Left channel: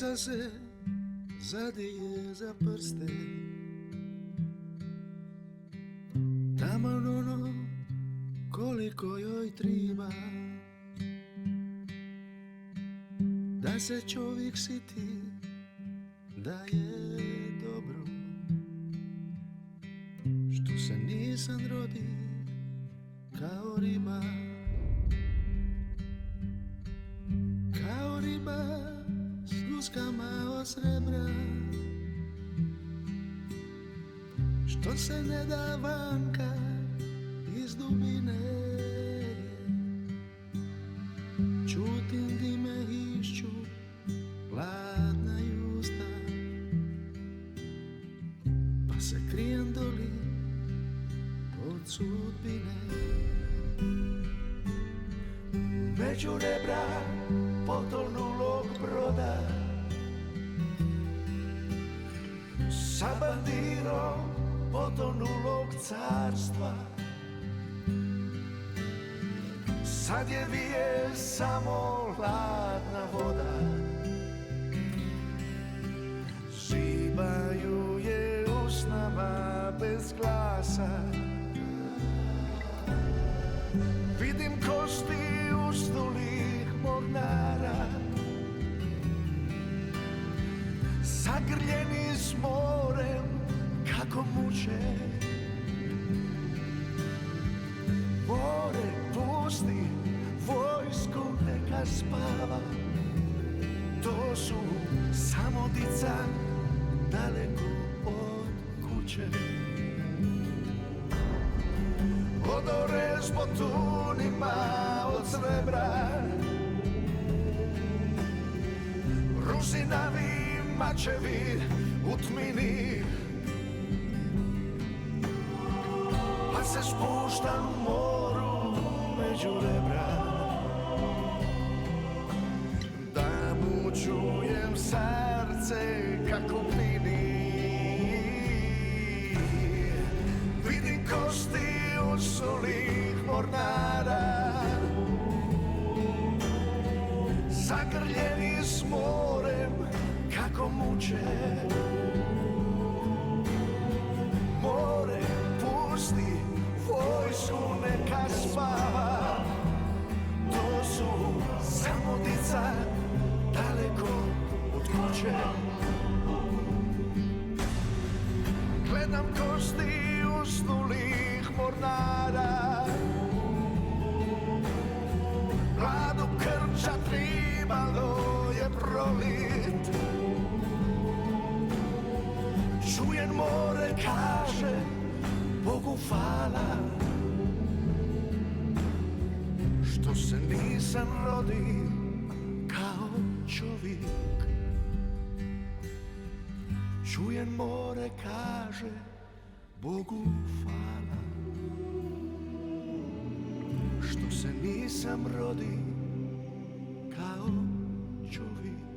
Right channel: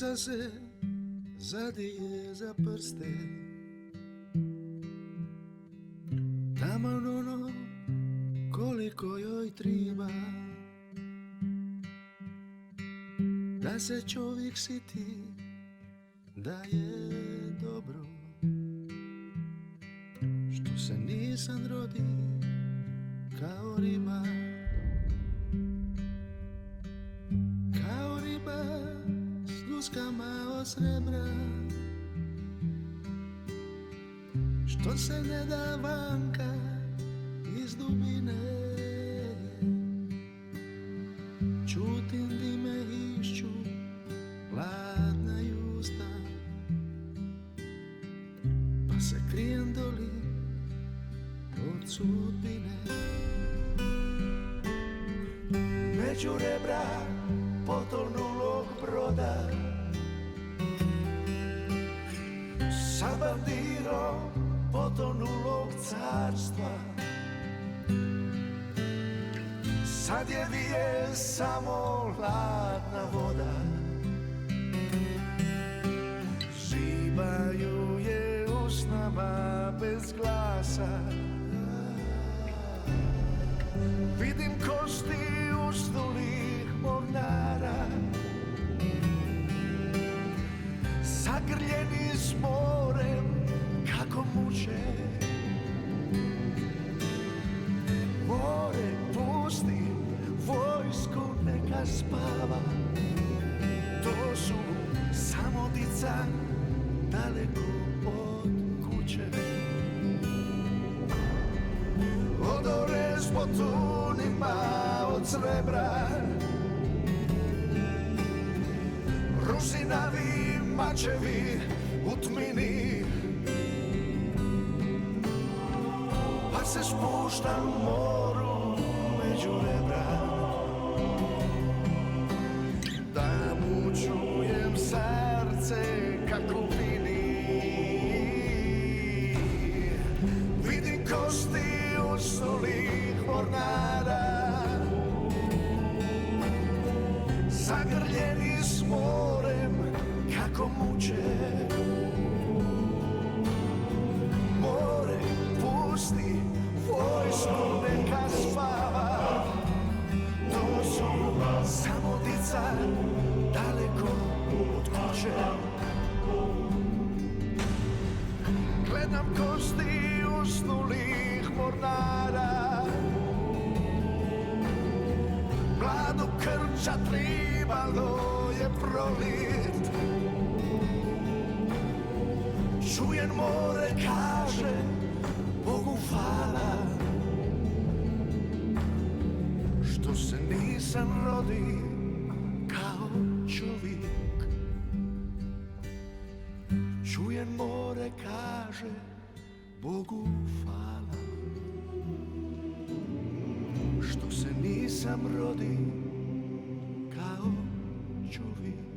Ulica se zadije za prste, taman ono koliko joj triba, da se čovjek siti da je dobro, što se nisam rodi kao riba, kao riba s ljuskama od srebra, što se ne da vanka iz dubine. Čutim di me išću hladna usta, pa se krijem doli od sudbine. Među rebra potonulog broda, sa bandirom potonulog carstva, sad je vije samo hladna voda, žibaju je usnama bez glasa. Vidim kosti usnulih mornara, zagrljeni s morem kako muče. More pusti, vojsku neka spava, to su samo dica daleko od kuće. Odore s botunima od srebra, rusinavi mačevi u tmini, pa se spuštam u moru među rebra, da mu čujem srce kako pini. Vidim kosti usulih mornara, zagrljeni s morem kako muče. More pusti, vojsku neka spava, to su samo dica daleko od kuće. Gledam kosti usnulih mornara, mladu krča tribalo je prolit. Čujem more kaže Bogu hvala, što se nisam rodi kao čovjek. Čujem more kaže Bogu hvala, što se nisam rodi kao čovjek.